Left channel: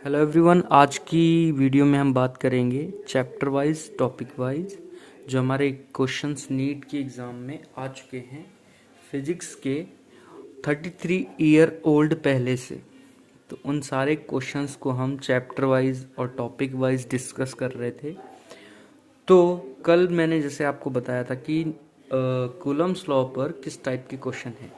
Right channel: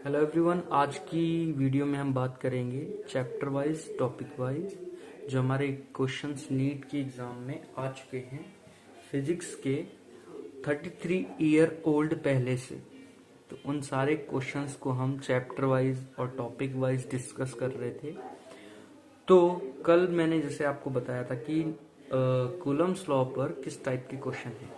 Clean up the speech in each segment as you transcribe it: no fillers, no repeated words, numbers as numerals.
Hello everyone, आज की video में हम बात करेंगे चैप्टर वाइज टॉपिक वाइज जो हमारे क्वेश्चंस नीट के एग्ज़ाम में आ चुके हैं फिजिक्स के 33 ईयर ओल्ड पहले से। तो उन सारे क्वेश्चंस को हम चैप्टर वाइज और टॉपिक वाइज डिस्कस कर रहे थे। तो कल मैंने जैसे आपको बताया था कि कूलम्स लॉ पर किस टाइप के क्वेश्चन हैं।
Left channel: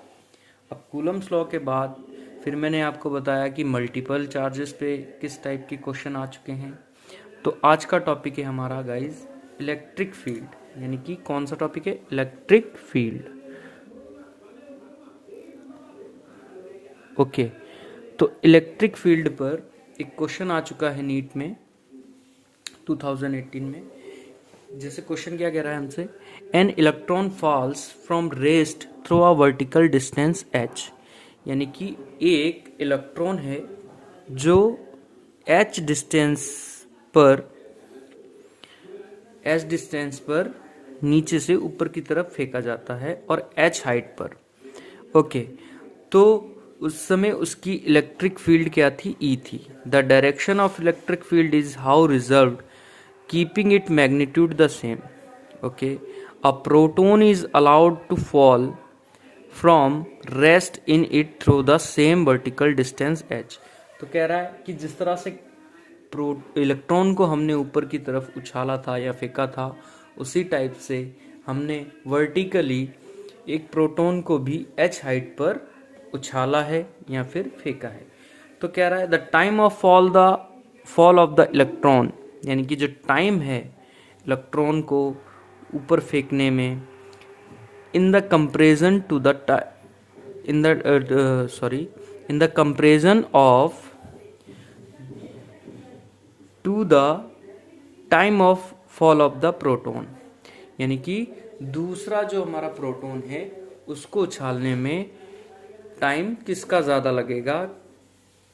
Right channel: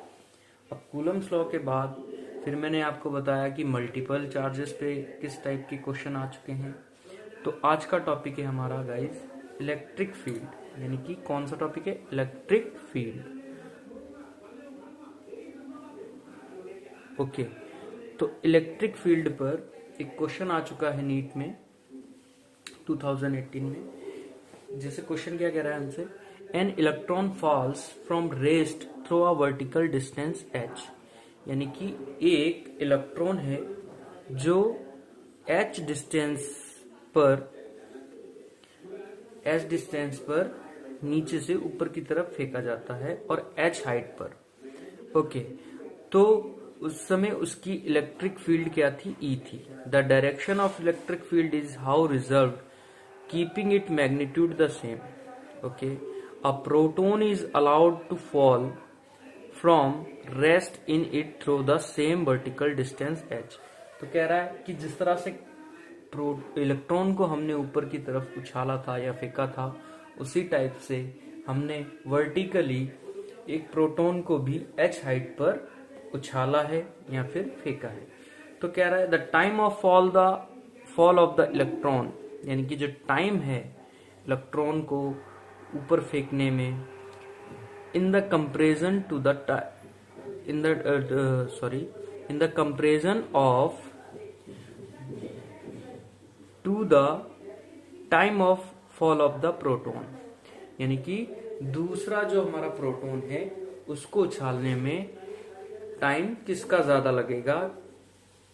अब कूलम्स लॉ के बाद फिर मैंने आपको बताया कि मल्टीपल चार्जेस पे किस टाइप के क्वेश्चन आ चुके हैं। तो आज का टॉपिक है हमारा गाइस इलेक्ट्रिक फील्ड, यानी कि कौन सा टॉपिक है? Electric field. ओके, तो इलेक्ट्रिक फील्ड पर एक क्वेश्चन आ चुका है नीट में 2018 में। जैसे क्वेश्चन क्या कह रहा है हमसे, an electron falls from rest through a vertical distance h, यानी कि एक इलेक्ट्रॉन है जो h डिस्टेंस पर नीचे से ऊपर की तरफ फेंका जाता है और h हाइट पर। ओके, तो उस समय उसकी इलेक्ट्रिक फील्ड क्या थी? E थी। The direction of electric field is how reserved keeping its magnitude the same. Okay, a proton is allowed to fall from rest in it through the same vertical distance h. तो कह रहा है कि जिस तरह से electron को हमने ऊपर की तरफ उछाला था या फेंका था, उसी टाइप से हमने वर्टिकली एक प्रोटॉन को भी h हाइट पर उछाला है या फिर फेंका है। तो कह रहा है the time of fall of the electron, यानी कि जो टाइम है इलेक्ट्रॉन को ऊपर फेंकने में, in the comparison to the in the comparison of to the time of fall of the proton, यानी कि दूसरा जो हमारा प्रोटॉन है उसको उछालने में टाइम किसका ज़्यादा लगेगा,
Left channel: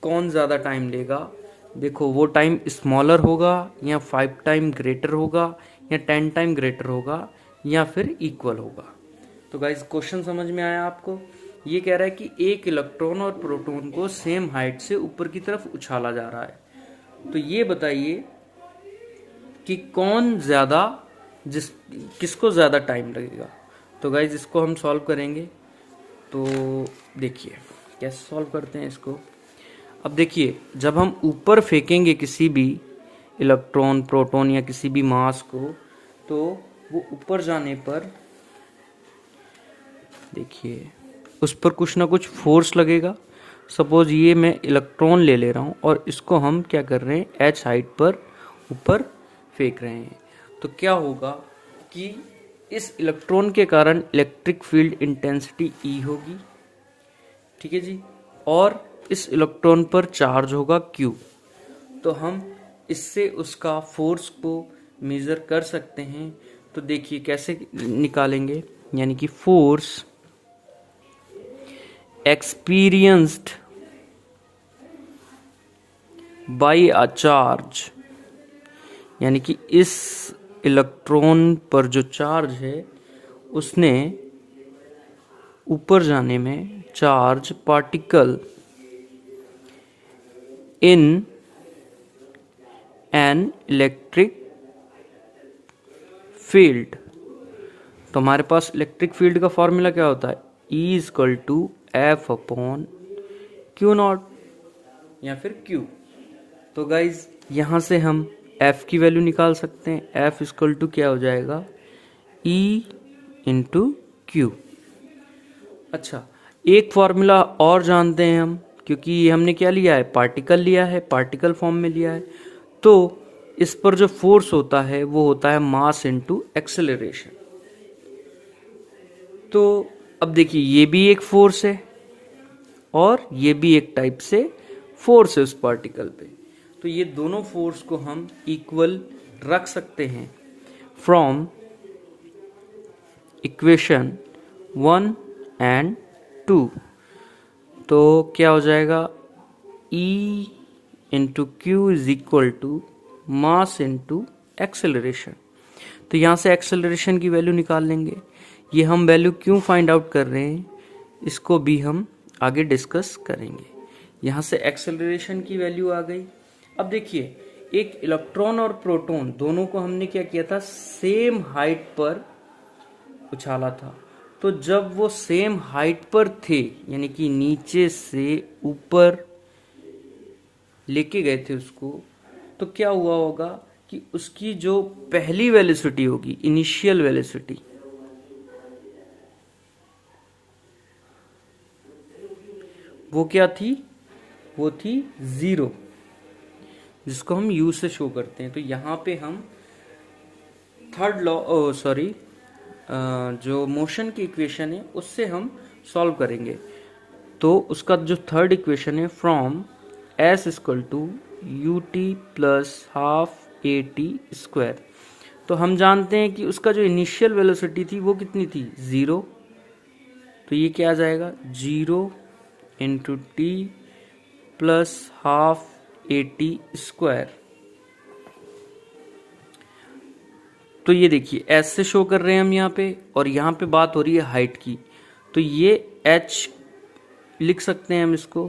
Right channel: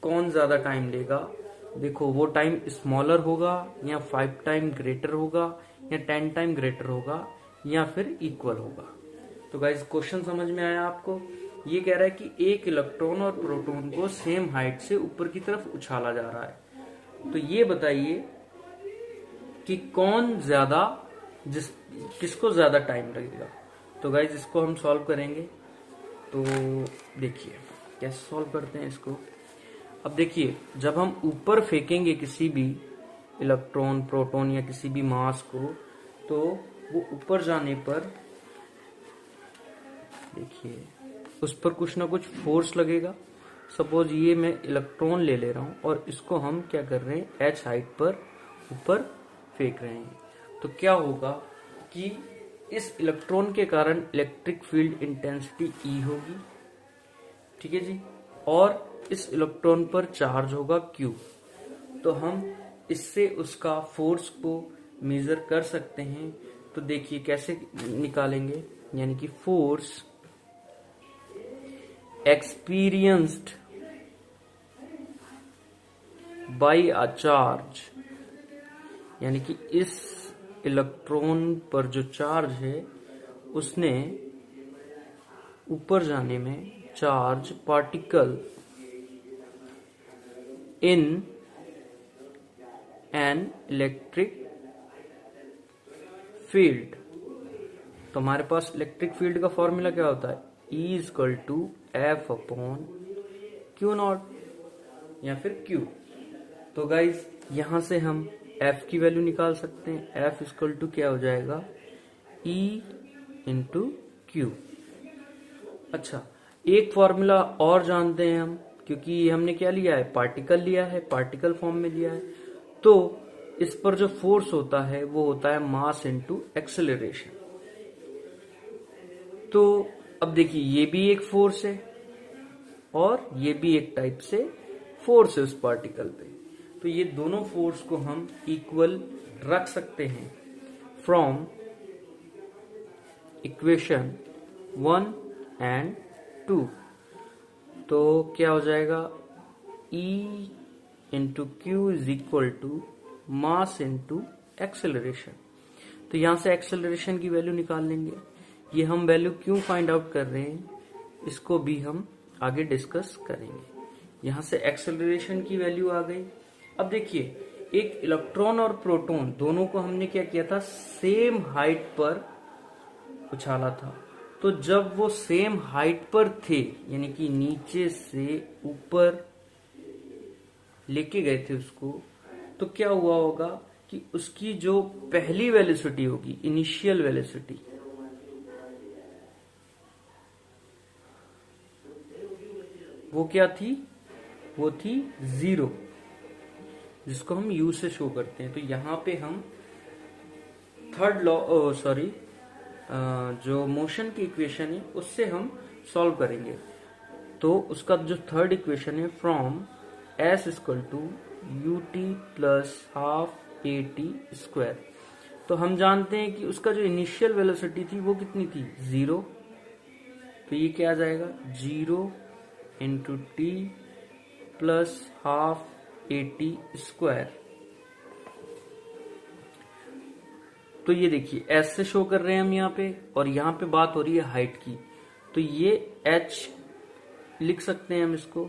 कौन ज़्यादा टाइम लेगा। देखो, वो टाइम स्मॉलर होगा या 5 टाइम ग्रेटर होगा या 10 टाइम ग्रेटर होगा या फिर इक्वल होगा। तो गाइज क्वेश्चन समझ में आया आपको? ये कह रहा है कि एक इलेक्ट्रॉन और प्रोटॉन को सेम हाइट से ऊपर की तरफ उछाला जा रहा है। तो ये बताइए कि कौन ज़्यादा किसको ज़्यादा टाइम लगेगा। तो गाइज इसको हम सॉल्व करेंगे। तो देखिए कैसे सॉल्व करते हैं इसको। अब देखिए, जब हम ऊपर फेंकेंगे किसी भी इलेक्ट्रॉन, प्रोटॉन या किसी भी मास को, तो वो ऊपर जाने पर देखिए उस पर कुछ ना कुछ फोर्स लगेगा। सपोज ये मैं इलेक्ट्रॉन ले ले रहा हूँ और इसको हम क्या कर रहे हैं, h हाइट पर ऊपर फेंक रहे हैं। तो क्या होगा कि इस इलेक्ट्रॉन के कारण इलेक्ट्रिक फील्ड इंटेंसिटी E होगी, ठीक है जी, और इस इलेक्ट्रॉन पर चार्ज होगा Q। तो हम इससे उसका फोर्स को मेजर कर सकते हैं। तो देखिए कैसे निकालेंगे, यानी कि force experienced bye a charge, यानी कि इस इलेक्ट्रॉन पर जो चार्ज है उसने ऊपर जाने में charge particle in an electric field. तो हमारे पास इलेक्ट्रिक फील्ड का फॉर्मूला क्या होता है? E equal to F upon Q naught या फिर Q। तो गाइज यहाँ से हम F की वैल्यू निकाल सकते हैं। F इक्वल टू क्या हो जाएगा? E into Q। अच्छा, एक फॉर्मूला और जानते हैं हम, क्योंकि ये हमने क्या लिया है, पार्टिकल लिया है, पार्टिकल फॉर्म में लिया है। तो इस पर जो फोर्स होता है वो होता है मास इनटू एक्सेलरेशन। तो अब देखिए, ये भी एक फोर्स है और ये भी एक टाइप से फोर्स है उस पार्टिकल पे। तो ये दोनों फोर्स को हम इक्वल रख सकते हैं फ्रॉम इक्वेशन 1 एंड 2। तो क्या हो जाएगा? E into Q is equal to mass into acceleration. तो यहाँ से एक्सेलरेशन की वैल्यू निकाल लेंगे। ये हम वैल्यू क्यों फाइंड आउट कर रहे हैं, इसको भी हम आगे डिस्कस करेंगे। यहाँ से एक्सेलरेशन की वैल्यू आ गई। अब देखिए एक इलेक्ट्रॉन और प्रोटॉन दोनों को हमने क्या किया था, सेम हाइट पर उछाला था। तो जब वो सेम हाइट पर थे, यानी कि नीचे से ऊपर लेके गए थे उसको, तो क्या हुआ होगा कि उसकी जो पहली वेलोसिटी होगी, इनिशियल वेलोसिटी, वो क्या थी, वो थी 0, जिसको हम u से शो करते हैं। तो यहां पे हम थर्ड लॉ, जो मोशन की इक्वेशन है उससे हम सॉल्व करेंगे। तो उसका जो थर्ड इक्वेशन है, from s equal to u t plus half a t square. तो हम जानते हैं कि उसका जो इनिशियल वेलोसिटी थी वो कितनी थी, 0। तो ये क्या आ जाएगा, 0 into T plus half a t square. तो ये देखिए एस से शो कर रहे हैं हम यहाँ पे, और यहाँ पे बात हो रही है हाइट की, तो ये एच लिख सकते हैं हम इसको।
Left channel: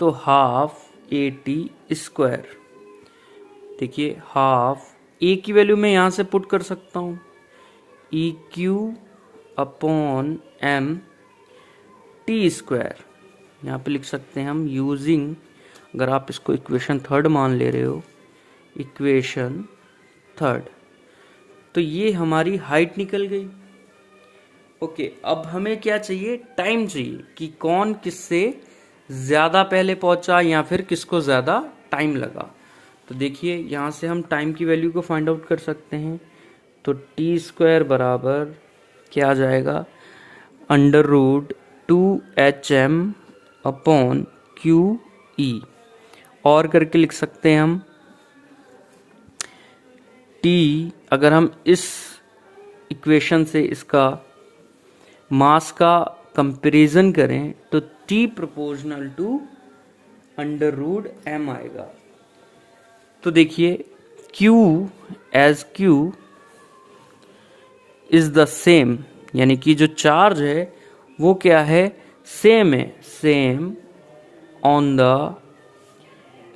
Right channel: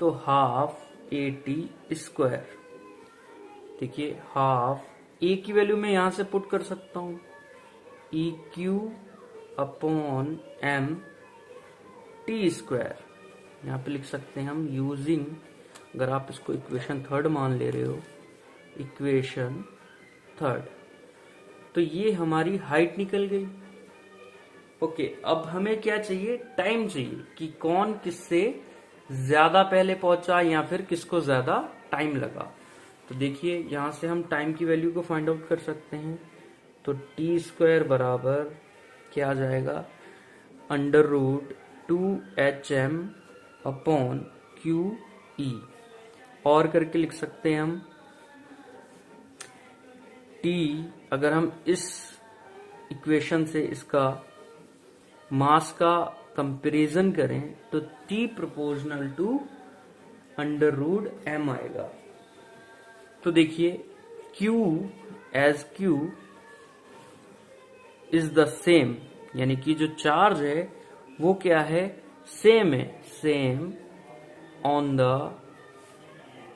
तो हाफ ए टी स्क्वायर, देखिए हाफ ए की वैल्यू मैं यहाँ से पुट कर सकता हूँ, E Q upon M T square. यहाँ पे लिख सकते हैं हम यूजिंग, अगर आप इसको इक्वेशन थर्ड मान ले रहे हो, इक्वेशन थर्ड, तो ये हमारी हाइट निकल गई। ओके, अब हमें क्या चाहिए, टाइम चाहिए कि कौन किससे ज्यादा पहले पहुंचा या फिर किसको ज्यादा टाइम लगा। तो देखिए यहां से हम टाइम की वैल्यू को फाइंड आउट कर सकते हैं। तो टी स्क्वायर बराबर क्या आ जाएगा, under root 2HM upon Q E, और करके लिख सकते हैं हम टी, अगर हम इस इक्वेशन से इसका मास का कंपैरिजन करें तो T proportional to under root M आएगा। तो देखिए Q as Q is the same, यानी कि जो चार्ज है वो क्या है, सेम है, same on the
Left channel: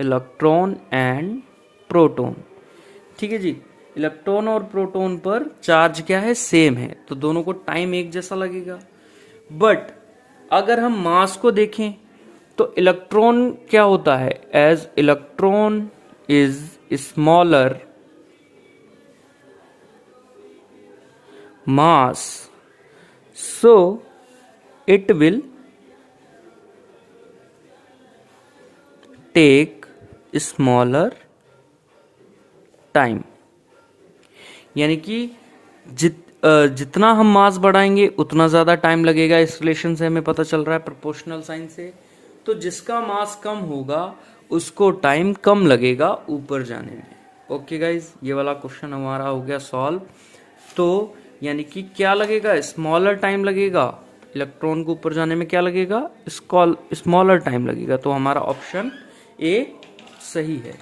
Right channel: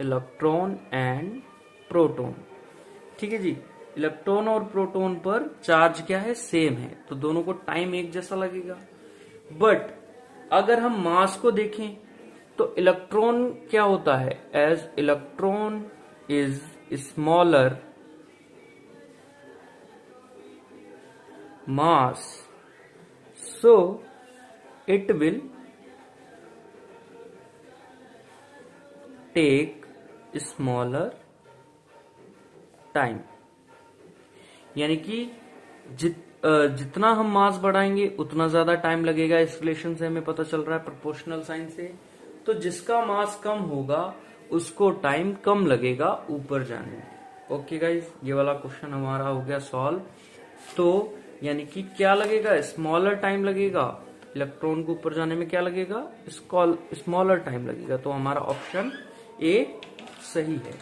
electron and proton. ठीक है जी, इलेक्ट्रॉन और प्रोटॉन पर चार्ज क्या है, सेम है, तो दोनों को टाइम एक जैसा लगेगा। बट अगर हम मास को देखें तो इलेक्ट्रॉन क्या होता है, as electron is smaller mass, so it will take smaller time. यानी कि जितना हम मास बढ़ाएंगे उतना ज्यादा टाइम लगेगा। इस रिलेशन से हमें पता चल रहा है, प्रोपोर्शनल साइन से। तो जिसका मास कम होगा उसको टाइम कम लगेगा ऊपर जाने में। ओके गाइज, ये वाला क्वेश्चन हमारा हो गया सॉल्व। तो यानी कि क्या लगेगा, स्मॉलर टाइम लगेगा, इलेक्ट्रॉन को ऊपर जाने में क्या लगेगा, स्मॉलर टाइम लगेगा। तो हमारा ऑप्शन ए सही है।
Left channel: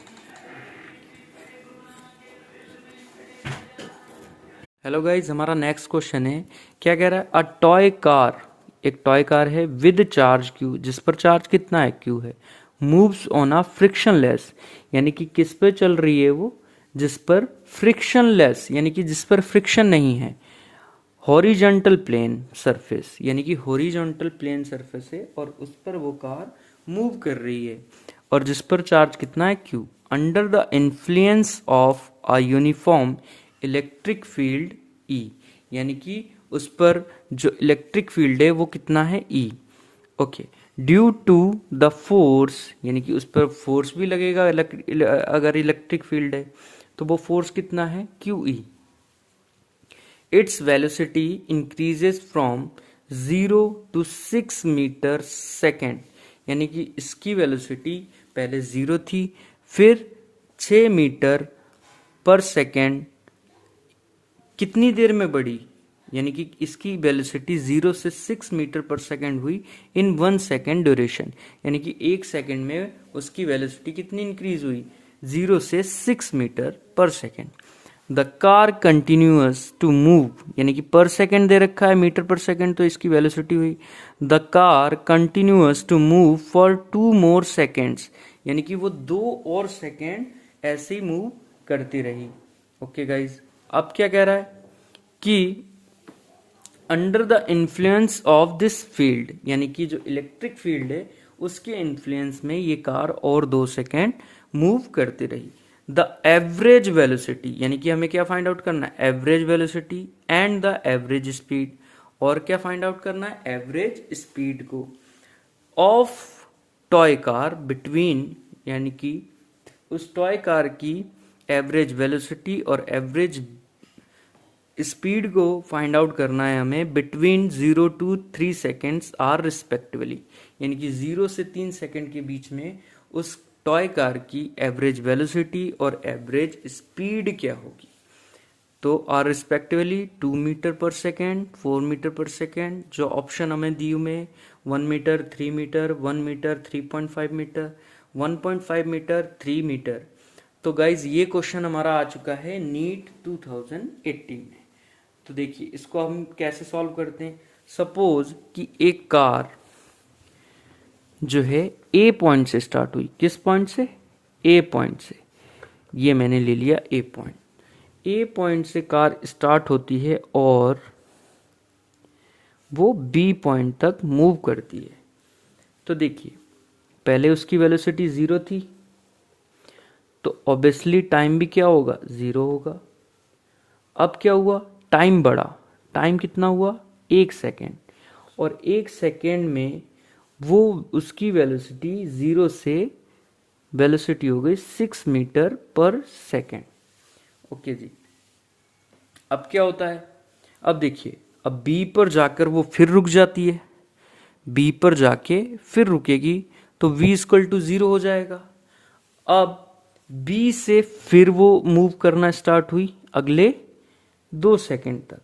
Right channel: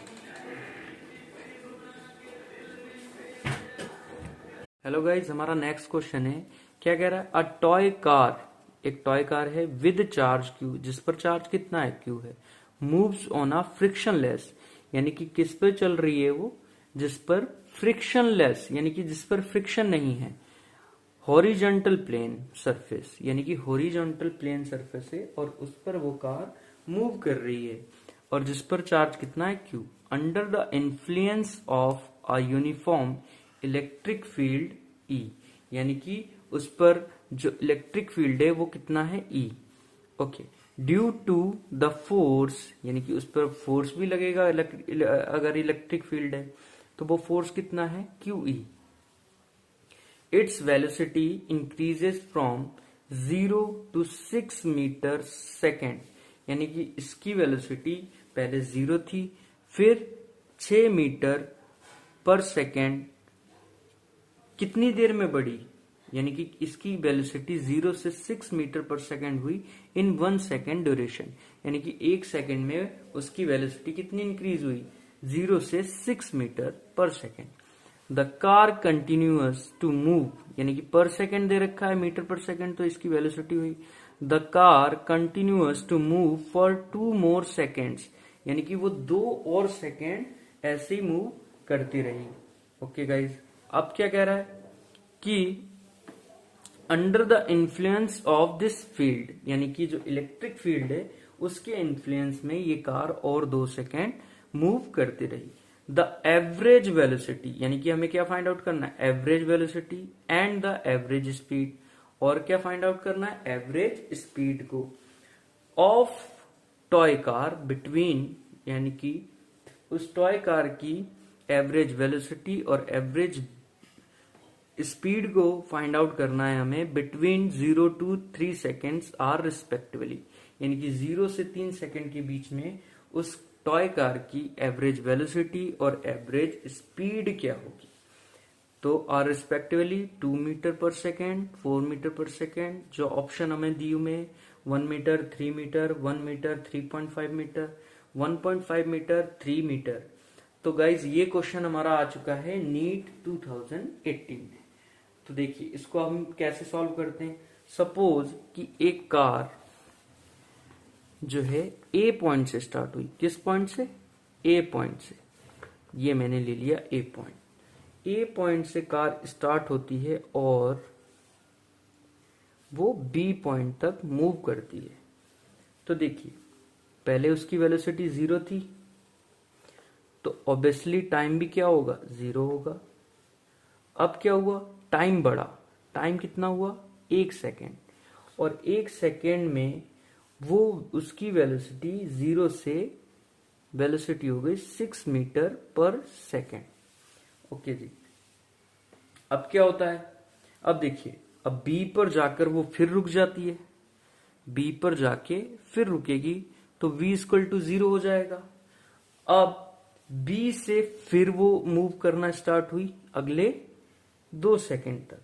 हेलो गाइज, हमारा नेक्स्ट क्वेश्चन है, क्या कह रहा है, अ टॉय कार, एक टॉय कार है विद चार्ज क्यू, जिस पर चार्ज कितना है, क्यू है, मूव्स ऑन अ फ्रिक्शनलेस, यानी कि किस पे चल रही है वो, जिस पर फ्रिक्शनलेस, यानी कि जिस पर फ्रिक्शन नहीं है, हॉरिजॉन्टल प्लेन सरफेस, यानी कि हॉरिजॉन्टल प्लेन सरफेस है और उस पर वो कार मूव कर रही है, और जिस पर चार्ज कितना है, Q, under the influence of a uniform electric field E, यानी कि उस पर जो इलेक्ट्रिक फील्ड है वो कितना है, ई। Okay, due to the force, यानी कि उस पर फोर्स भी लगेगा अगर इलेक्ट्रिक फील्ड है, तो वो फोर्स कितना है, Q E. Its velocity increases from 0 to 6 metre second, यानी कि इसकी वेलोसिटी पहले 0 थी, फिर 6 मीटर पर सेकेंड कितनी देर में बढ़ी, यानी कि इसकी वेलोसिटी 0 से 6 मीटर पर सेकेंड हुई इन 1 सेकेंड ड्यूरेशन, यानी कि 1 सेकेंड में उसकी वेलोसिटी कितनी इंक्रीज हुई, 0 से 6 मीटर पर second. The car continuous to move, यानी कि पर सेकेंड दे रखा है, मीटर पर सेकेंड, तो इसकी वेलोसिटी हुई। The car continuous to move for 2 more seconds, यानी कि वो 2 और सेकेंड ऐसे ही मूव करती रही। ओके गाइज, अब क्या कह रहा है कि under the influence of this field, यानी कि जो इलेक्ट्रिक फील्ड है उसके इन्फ्लुएंस में ये कार और 2 सेकेंड मूव करती रही। द एवरेज वेलोसिटी, यानी कि हमें क्या फाइंड आउट करना है, average velocity and the average speed, और क्या फाइंड आउट करना है, एवरेज स्पीड को, ऑफ टॉय कार बिटवीन, यानी कि उस टॉय कार की एवरेज वेलोसिटी और एवरेज स्पीड को फाइंड आउट करना है हमें between 0 to 3 seconds are respectively, यानी कि 0 से 3 सेकेंड के बीच में उस टॉय कार की एवरेज वेलोसिटी और एवरेज स्पीड क्या होगी। तो आर रिस्पेक्टिवली 2 मीटर पर सेकेंड, 4 मीटर पर सेकेंड, जो ऑप्शन हमें दी हुए 1 metre, 3 metre, 1 metre, 3.5 metre, 1.5 metre, 3 metre. तो गाइज ये क्वेश्चन हमारा आ चुका है नीट 2018 में। तो देखिए इसको हम कैसे सॉल्व करते हैं। सपोज कि एक कार जो है ए पॉइंट से स्टार्ट हुई, किस पॉइंट से, ए पॉइंट से, ये मैंने ले लिया ए पॉइंट। ए पॉइंट से कार स्टार्ट होती है और वो बी पॉइंट तक मूव करती है। तो देखिए पहले उसकी वेलोसिटी 0 थी, तो ऑब्वियसली टाइम भी क्या होगा, 0 होगा। अब क्या हुआ, टाइम बढ़ा, टाइम कितना हुआ, 1 सेकेंड, और 1 सेकेंड में वो उसकी वेलोसिटी 0 से वेलोसिटी हो गई 6 मीटर पर सेकेंड। ओके जी, अब क्या होता है, अब देखिए अब बी पर जाकर वो फिर रुक जाती है, बी पर जाके फिर रुकेगी, तो v इक्वल टू 0 हो जाएगा। अब बी से फिर वो मूव करना स्टार्ट हुई अगले 2 सेकेंड तक,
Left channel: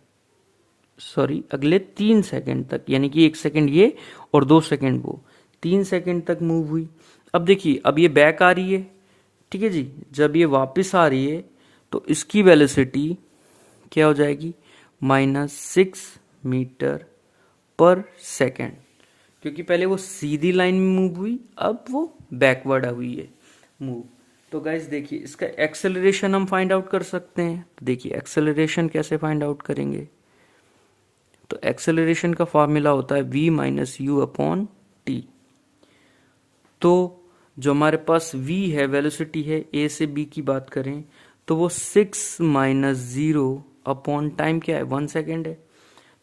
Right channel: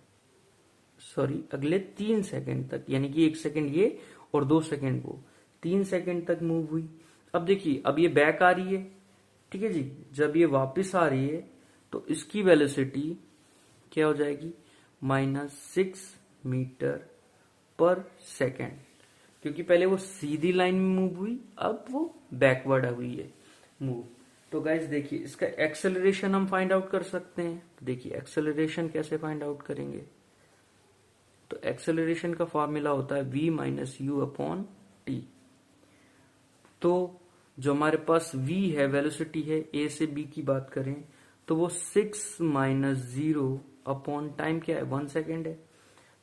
सॉरी अगले 3 सेकेंड तक, यानी कि 1 सेकेंड ये और 2 सेकेंड वो, 3 सेकेंड तक मूव हुई। अब देखिए अब ये बैक आ रही है, ठीक है जी, जब ये वापस आ रही है तो इसकी वेलोसिटी क्या हो जाएगी, -6 मीटर पर सेकेंड, क्योंकि पहले वो सीधी लाइन में मूव हुई, अब वो बैकवर्ड हुई है मूव। तो गाइज देखिए इसका एक्सेलरेशन हम फाइंड आउट कर सकते हैं। तो देखिए एक्सेलरेशन कैसे फाइंड आउट करेंगे, तो एक्सेलरेशन का फॉर्मूला होता है v minus you upon T. तो जो हमारे पास v है, वेलोसिटी है, a से b की बात करें तो वो 6 माइनस 0 अपॉन टाइम क्या है, 1 सेकेंड है,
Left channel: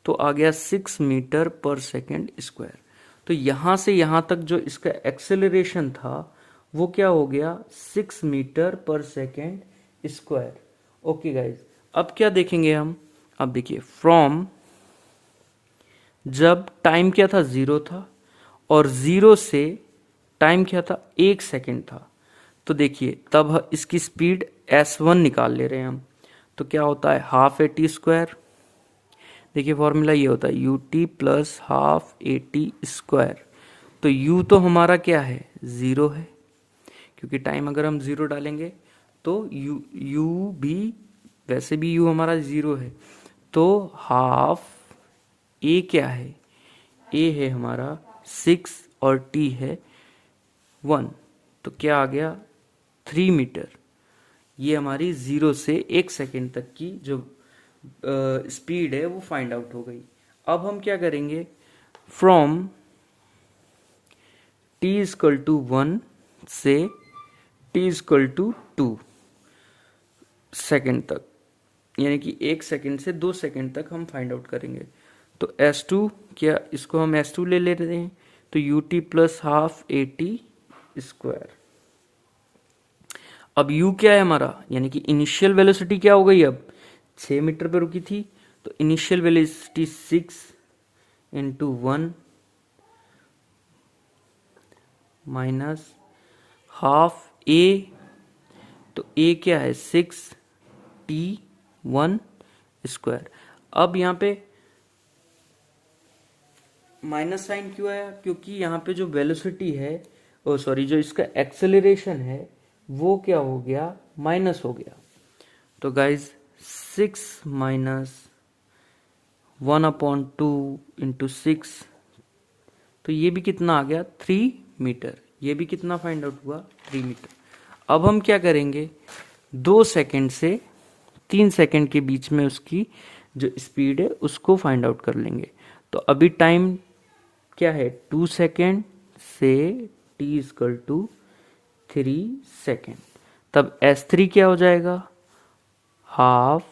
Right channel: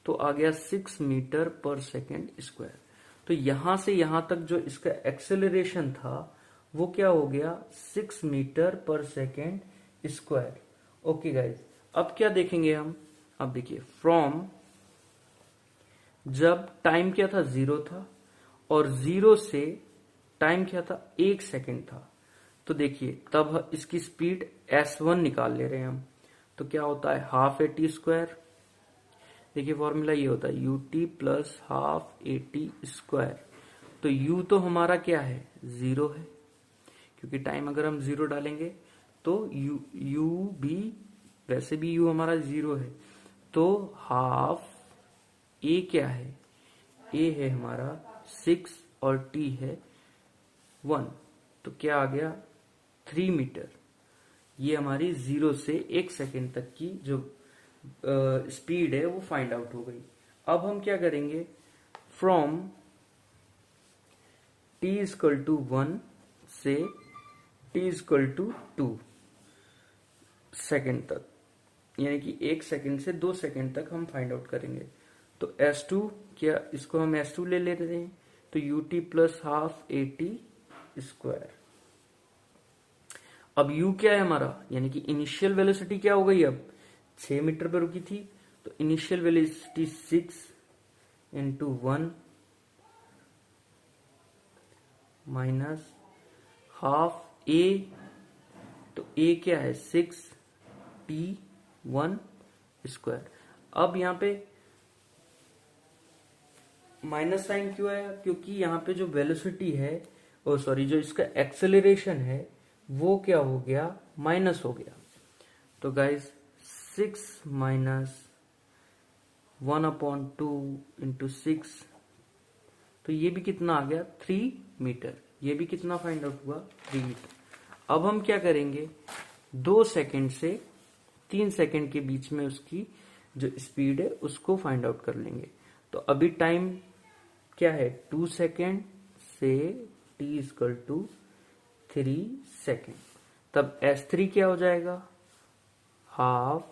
तो आ गया 6 मीटर पर सेकेंड स्क्वायर। तो यहां से यहां तक जो इसका एक्सेलरेशन था वो क्या हो गया, 6 मीटर पर सेकेंड स्क्वायर। ओके गाइज, अब क्या देखेंगे हम, अब देखिए फ्रॉम, जब टाइम क्या था, 0 था, और 0 से टाइम क्या था, 1 सेकेंड था, तो देखिए तब इसकी स्पीड s1 निकाल ले रहे हैं हम। तो क्या होता है, हाफ ए टी स्क्वायर, देखिए फॉर्मूला ये होता है you t plus half a t square. तो u तो हमारा क्या है, 0 है, क्योंकि टाइम अगर हम 0 डालेंगे तो u भी, वैसे भी u हमारा 0 है, तो हाफ a क्या है, a है हमारा 6 और t है 1, तो क्या आ गया 3 मीटर। ये हमारी 0 से 1 सेकेंड तक की जो स्पीड है वो फाइंड आउट हो गई। अब हम क्या करेंगे, फ्रॉम t इक्वल टू 1 से t इक्वल टू 2 सेकेंड तक, यानी कि 1 सेकेंड से 2 सेकेंड तक हम फाइंड आउट करेंगे। तो S2 क्या, इसको हम S2 ले लेते हैं, तो ut plus half a t square. अब u क्या है हमारा, यानी कि इनिशियल वेलोसिटी क्या हो गई, अब 6 मीटर पे रुकी थी, तो initial velocity 6 into 1 minus half a, तो a क्या है 6 t 1 स्क्वायर। अब यहाँ पे माइनस साइन क्यों आया, क्योंकि यहाँ पे जो वेलोसिटी है, ओ सॉरी जो इसका एक्सेलरेशन है वो क्या हो गया, माइनस हो गया। तो गाइज 6 माइनस 1/2 इंटू 6, तो ये भी कितना आ गया, 3 मीटर। ये भी कितना फाइंड आउट हुआ, 3 मीटर। अब हम क्या करेंगे, 2 सेकंड से 3 सेकंड के बीच में उसकी जो स्पीड है उसको फाइंड आउट कर लेंगे। तो अभी टाइम क्या है, 2 सेकंड से t इक्वल टू 3 सेकंड, तब S3 क्या हो जाएगा, ut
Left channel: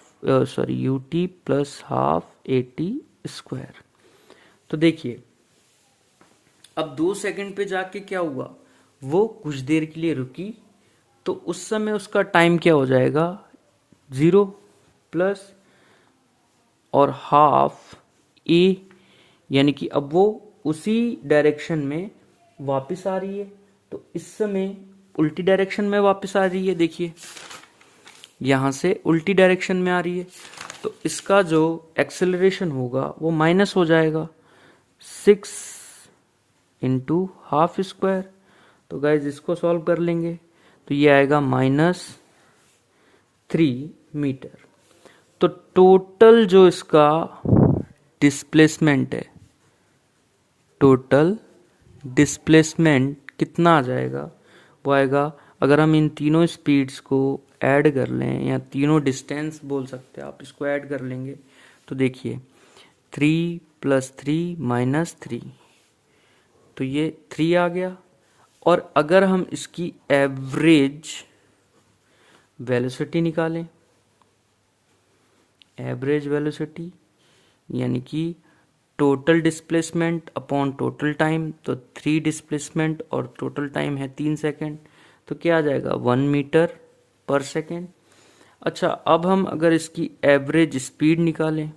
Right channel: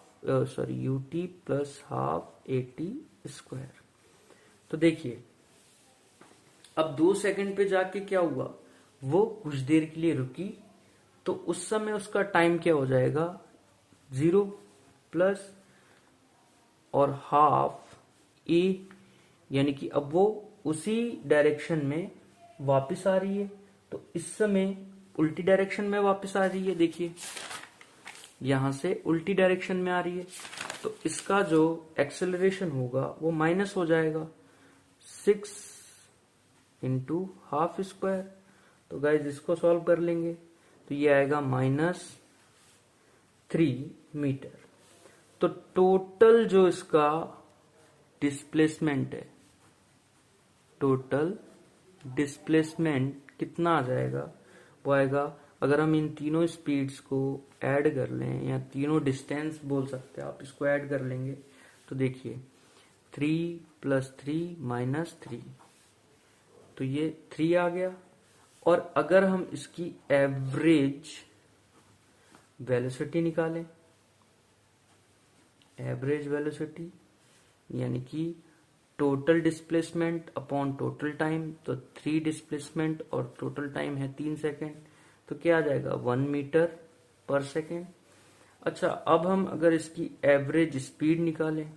plus half AT square. तो देखिए अब 2 सेकंड पे जाके क्या हुआ, वो कुछ देर के लिए रुकी, तो उस समय उसका टाइम क्या हो जाएगा, 0 प्लस और हाफ ए, यानी कि अब वो उसी डायरेक्शन में वापस आ रही है। तो इस समय उल्टी डायरेक्शन में वापस आ रही है, देखिए यहां से उल्टी डायरेक्शन में आ रही है, तो इसका जो एक्सेलरेशन होगा वो माइनस हो जाएगा 6 इंटू हाफ स्क्वायर। तो गाइज इसको सॉल्व कर लेंगे तो ये आएगा -3 मीटर। तो टोटल जो इसका डिस्प्लेसमेंट है, टोटल डिस्प्लेसमेंट कितना आ जाएगा, वो आएगा, अगर हम इन तीनों स्पीड्स को ऐड कर लें, या तीनों डिस्टेंस बोल सकते हैं आप, इसको ऐड कर लेंगे तो देखिए 3 + 3 - 3, तो ये 3 आ गया। और अगर हम इसकी एवरेज वेलोसिटी निकालें, एवरेज वेलोसिटी यानी कि total displacement upon total time, तो 3 डिस्प्लेसमेंट और टोटल टाइम है 3 सेकेंड, तो क्या आ जाएगा 1 मीटर पर सेकेंड। अच्छा, अब हम अगर इसकी एवरेज स्पीड निकालें,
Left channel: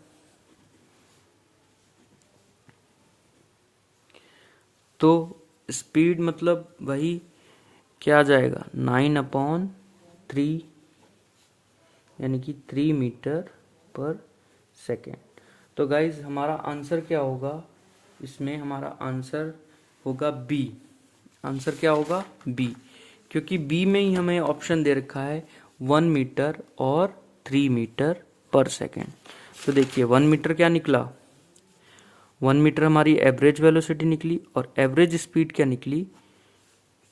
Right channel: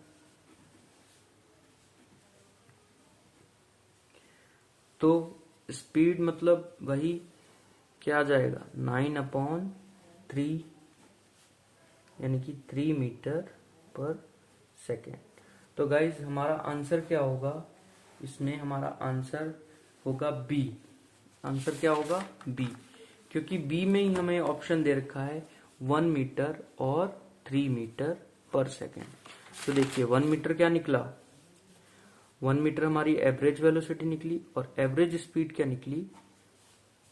तो स्पीड मतलब वही क्या आ जाएगा 9/3, यानी कि 3 मीटर पर सेकेंड। तो गाइज हमारा आंसर क्या होगा, इसमें हमारा आंसर होगा बी। आंसर क्या होगा, बी, क्योंकि बी में ही हमें ऑप्शन दे रखा है 1 मीटर और 3 मीटर पर सेकेंड। तो देखिए 1 मीटर क्या निकला, 1 मीटर हमारी एवरेज वेलोसिटी निकली, और एवरेज स्पीड क्या निकली,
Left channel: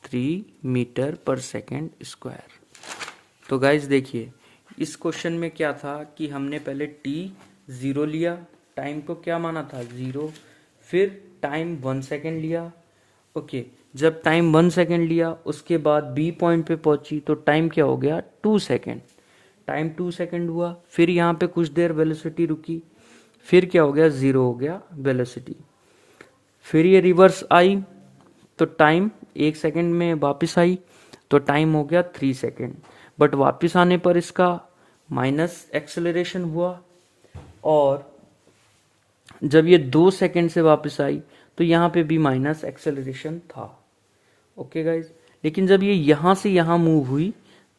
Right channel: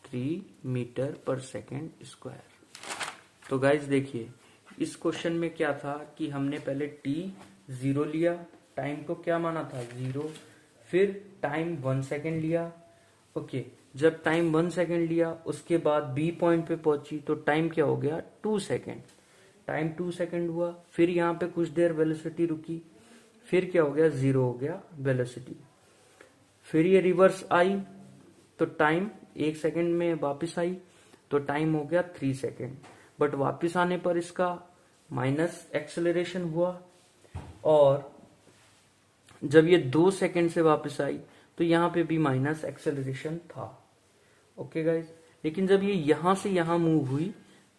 3 मीटर पर सेकेंड स्क्वायर। तो गाइज देखिए इस क्वेश्चन में क्या था कि हमने पहले t 0 लिया, टाइम को क्या माना था 0, फिर टाइम 1 सेकेंड लिया। ओके, जब टाइम 1 सेकेंड लिया उसके बाद बी पॉइंट पे पहुंची तो टाइम क्या हो गया 2 सेकेंड, टाइम 2 सेकेंड हुआ। फिर यहाँ पे कुछ देर वेलोसिटी रुकी, फिर क्या हो गया 0 हो गया वेलोसिटी। फिर ये रिवर्स आई तो टाइम 1 सेकेंड में वापस आई, तो टाइम हो गया 3 सेकेंड। बट वापस आने पर इसका माइनस एक्सेलरेशन हुआ, और जब ये 2 सेकेंड से वापस आई तो यहाँ पे भी माइनस एक्सेलरेशन था। ओके गाइज, लेकिन जब ये यहाँ से यहाँ मूव हुई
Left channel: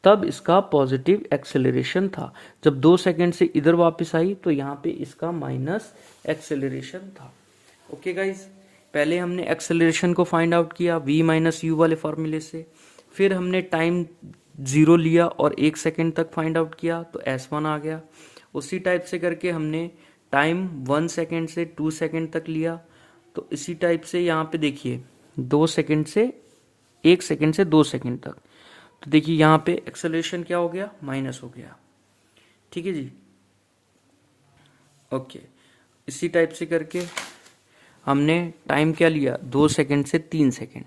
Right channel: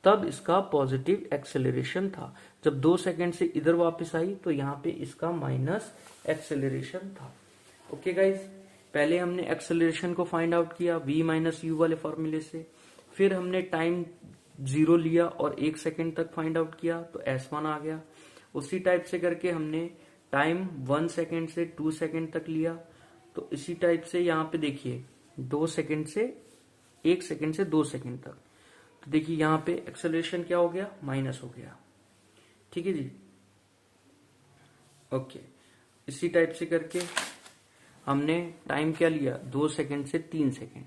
तब इसका पॉजिटिव एक्सेलरेशन था। जब 2 सेकेंड से इधर वापस आई तो यहाँ पे इसका माइनस एक्सेलरेशन था। ओके गाइज, पहले हमने एक्सेलरेशन को फाइंड आउट किया v - u वाले फॉर्मूले से, फिर हमने टाइम 0 लिया और 1 सेकेंड तक फाइंड आउट किया तो S1 आ गया। उसी टाइप से करके हमने टाइम 1 सेकेंड से 2 सेकेंड तक लिया, तो इसी टाइप से यहाँ पे देखिए 2 सेकेंड से 1 सेकेंड से 2 सेकेंड तक, तो देखिए यहाँ पे एक्सेलरेशन क्या हो गया, माइनस हो गया। ठीक है जी, ओके। इसी टाइप से करके हमने टाइम क्या लिया 2 सेकेंड से 3 सेकेंड,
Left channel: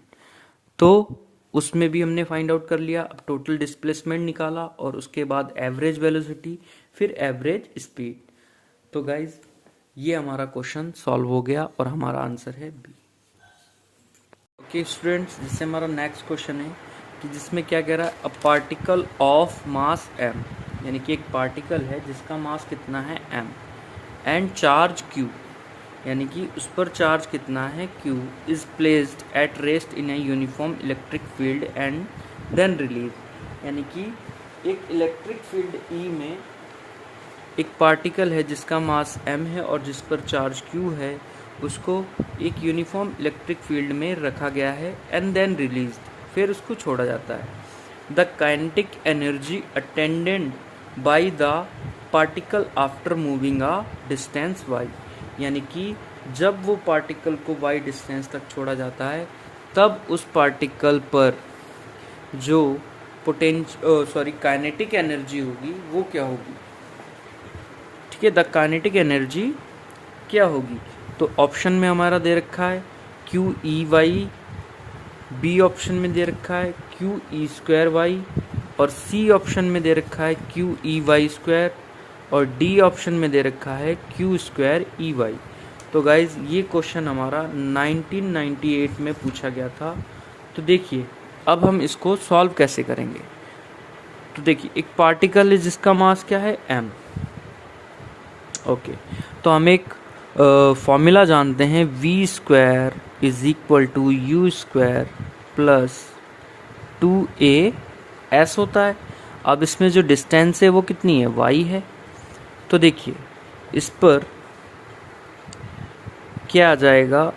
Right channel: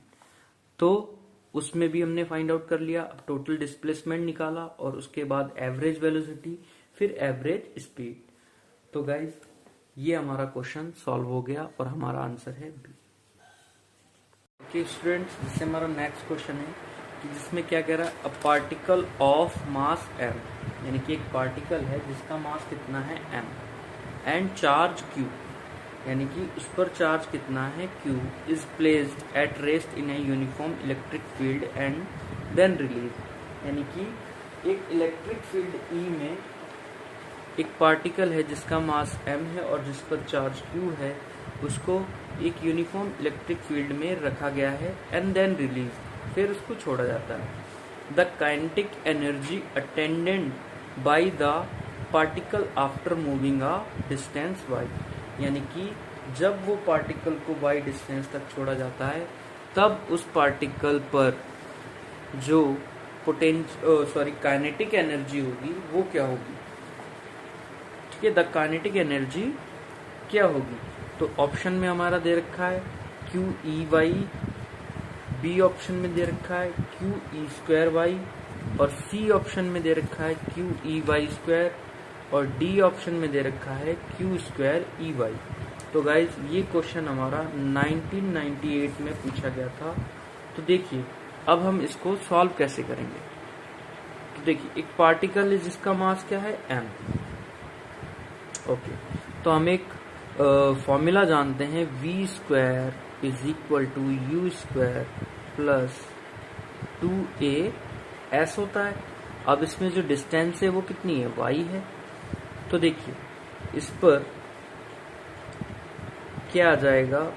तो उसमें भी हमने फाइंड आउट कर लिया। अब टोटल डिस्प्लेसमेंट निकाला और उसके बाद एवरेज वेलोसिटी, फिर एवरेज स्पीड। तो गाइज ये हमारा क्वेश्चन सॉल्व हो गया और हमारा आंसर है बी। ओके स्टूडेंट्स, जिससे हमारा नेक्स्ट क्वेश्चन है कि जिसमें क्या कह रहा है, a particle of mass m, यानी कि एक पार्टिकल है जिसका मास कितना है m, एंड चार्ज q, यानी कि उस पर चार्ज कितना है q, is placed at rest in a uniform electric field and then release, यानी कि एक इलेक्ट्रिक फील्ड E में एक पार्टिकल है जिसका मास m है और जिस पर चार्ज q है, उसको एक यूनिफॉर्म इलेक्ट्रिक फील्ड में रखा गया है एंड देन रिलीज, फिर उसको छोड़ा जाता है। The kinetic energy attended by the particle after moving a distance y, यानी कि जब वो पार्टिकल को y डिस्टेंस तक छोड़ा जाता है तब उस पार्टिकल पर जो काइनेटिक एनर्जी होगी वो क्या होगी, ठीक है, द काइनेटिक एनर्जी क्या होगी। तो ऑप्शन में हमारा दे रखा है Q E Y, B option में दे रखा है क्यू ई स्क्वायर वाई, और सी ऑप्शन में दे रखा है क्यू ई वाई स्क्वायर, और डी ऑप्शन में दे रखा है क्यू स्क्वायर ई वाई। तो गाइज ये क्वेश्चन हमारा 1998 में पूछा गया था। तो देखिए अब हम इसको सॉल्व कैसे करेंगे। तो देखिए एक पार्टिकल है जिसका मास क्या है m। ओके, तो हम एक फॉर्मूला जानते हैं v square is equal to u square plus 2a s होता है। अब इसमें जो डिस्टेंस है वो कितनी है, y है। तो देखिए इस पर क्या आ जाएगा,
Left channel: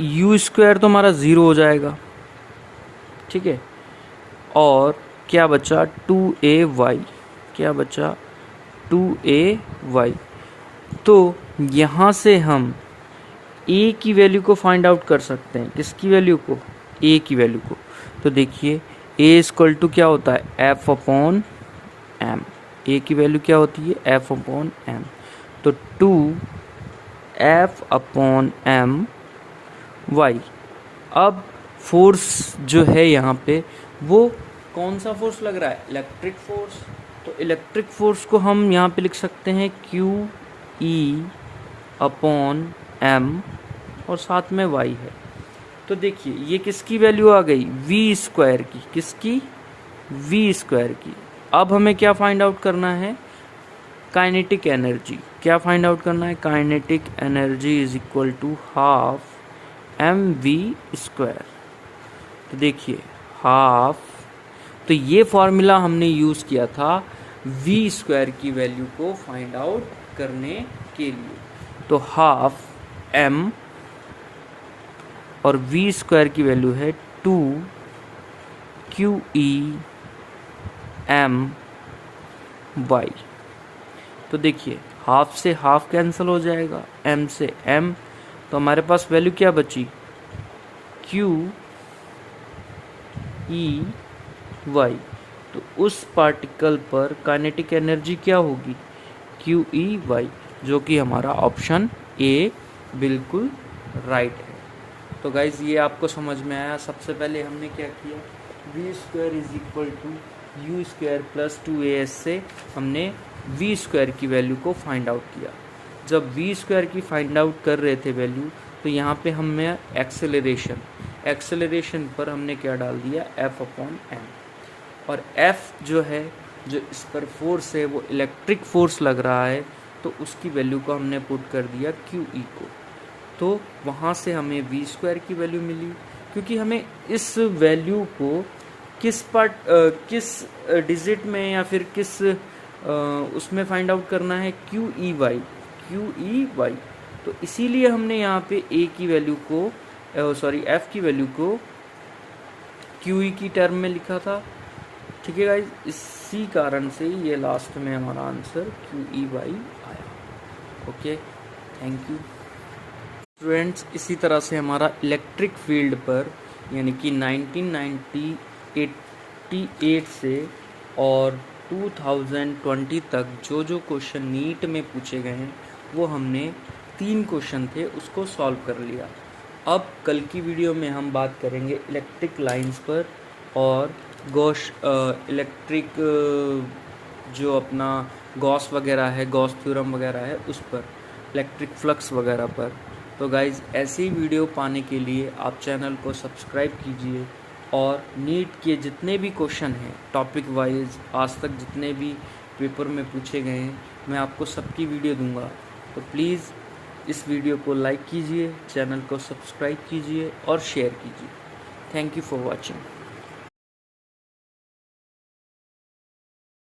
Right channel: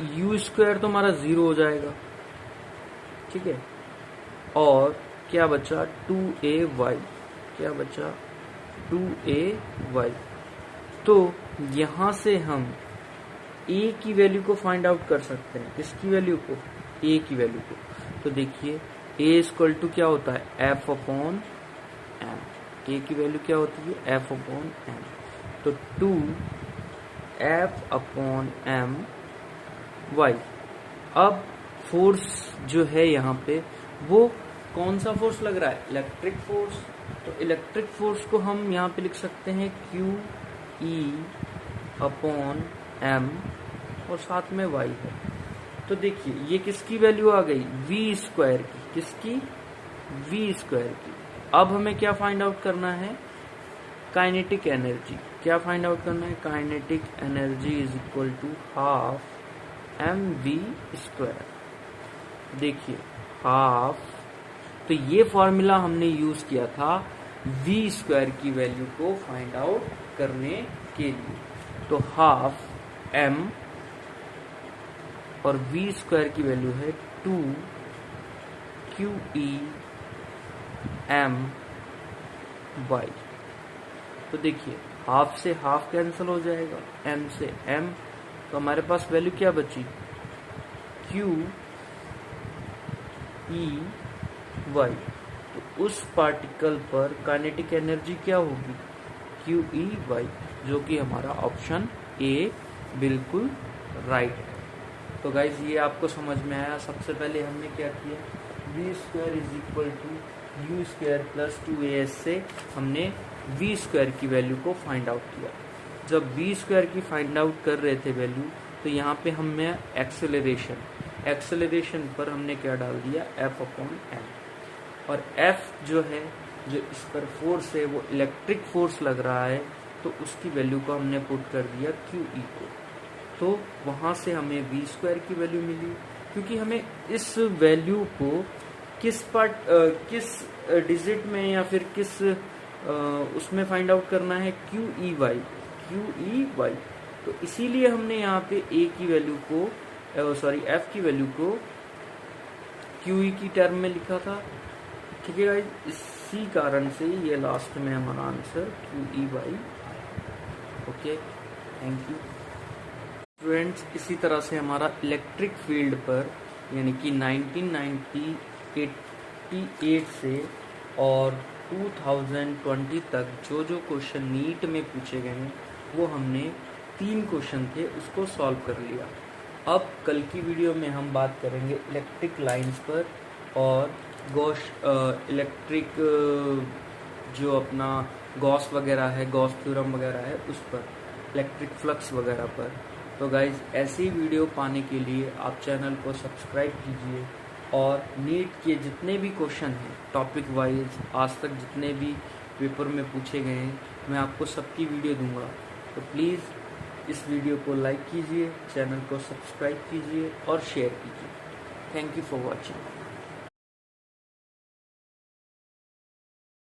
यू स्क्वायर तो हमारा 0 हो जाएगा, ठीक है, और क्या बचा 2ay, क्या बचा 2ay। तो यहाँ से हम a की वैल्यू को फाइंड आउट कर सकते हैं, किसकी वैल्यू को, a की वैल्यू को। तो देखिए a इक्वल टू क्या होता है f अपॉन m, a की वैल्यू क्या होती है f अपॉन m। तो 2f अपॉन m y। अब फोर्स जो है यहाँ पे वो कौन सा फोर्स लग रहा है, इलेक्ट्रिक फोर्स। तो इलेक्ट्रिक फोर्स को हम यहाँ पे लिख सकते हैं क्यू ई अपॉन एम और साथ में y है। तो देखिए ये किसकी वैल्यू आ गई, v स्क्वायर की, किसकी, v स्क्वायर की। अब हमें क्या फाइंड आउट करना है, काइनेटिक एनर्जी। क्या फाइंड आउट करना है, kinetic energy is equal to half m v square. तो देखिए हाफ, तो ये फॉर्मूला हमने यूज़ किया था v स्क्वायर की वैल्यू को फाइंड आउट करने के लिए। तो हाफ m और v स्क्वायर की वैल्यू है 2 क्यू ई एम y। तो देखिए हाफ से हाफ कैंसिल हो जाएगा, m से m, तो हमारे पास वैल्यू क्या बची, क्यू ई वाई। तो उस पार्टिकल पर काइनेटिक एनर्जी क्या होगी, क्यू ई वाई, जो कि हमारा ऑप्शन ए बिल्कुल राइट है। तो गाइज ये आपको समझ में आया। सबसे पहले हमने क्या किया, v square is equal to u square plus 2as से हमने वी स्क्वायर की वैल्यू को फाइंड आउट किया। जब वी स्क्वायर की फाइंड आउट कर रहे थे वैल्यू, तो यहाँ पे हमने एक्सेलरेशन पर हमने क्या डाल दिया, f अपॉन m, और f जो है, जो इस पर फोर्स है वो इलेक्ट्रिक फोर्स लग रहा है, तो उसकी वैल्यू को हमने पुट कर दिया क्यू ई को। तो वहाँ से हमें वी स्क्वायर की वैल्यू मिली, क्योंकि हमें इस वैल्यू को किस डिजिट में या फिर किस उसमें फाइंड आउट करना है, क्यू ई वाई। तो इसीलिए हमने यहाँ पे a की वैल्यू को f की वैल्यू को क्यू ई की टर्म में लिखा था, ठीक है गाइज। इसी कारण से ये लास्ट में हमारा आंसर क्यू ई वाई आया। Okay, thank you students. इसी तरह से हमारा इलेक्ट्रिक फील्ड पर यानी कि 1988 से और 2020 तक जो जो क्वेश्चन नीट में पूछे गए हैं वो हमने 3 क्वेश्चन थे उसको सॉल्व कर लिया। अब कल की वीडियो में हम बात करेंगे इलेक्ट्रिक लाइंस पर और इलेक्ट्रिक जो अपना गॉस वगैरह है, गॉस थ्योरम वगैरह है, उस पर, इलेक्ट्रिक फ्लक्स वगैरह पर। तो गाइज ऐसी वीडियो पाने के लिए आप चैनल को सब्सक्राइब कीजिए और नीट के जितने भी क्वेश्चन हैं टॉपिक वाइज आज तक जितने भी पेपर में पूछे गए हैं मैं आपको सबकी वीडियो दूंगा। तो प्लीज़ इस वीडियो को लाइक कीजिए, चैनल को सब्सक्राइब कीजिए और शेयर कीजिए। Thank you for watching.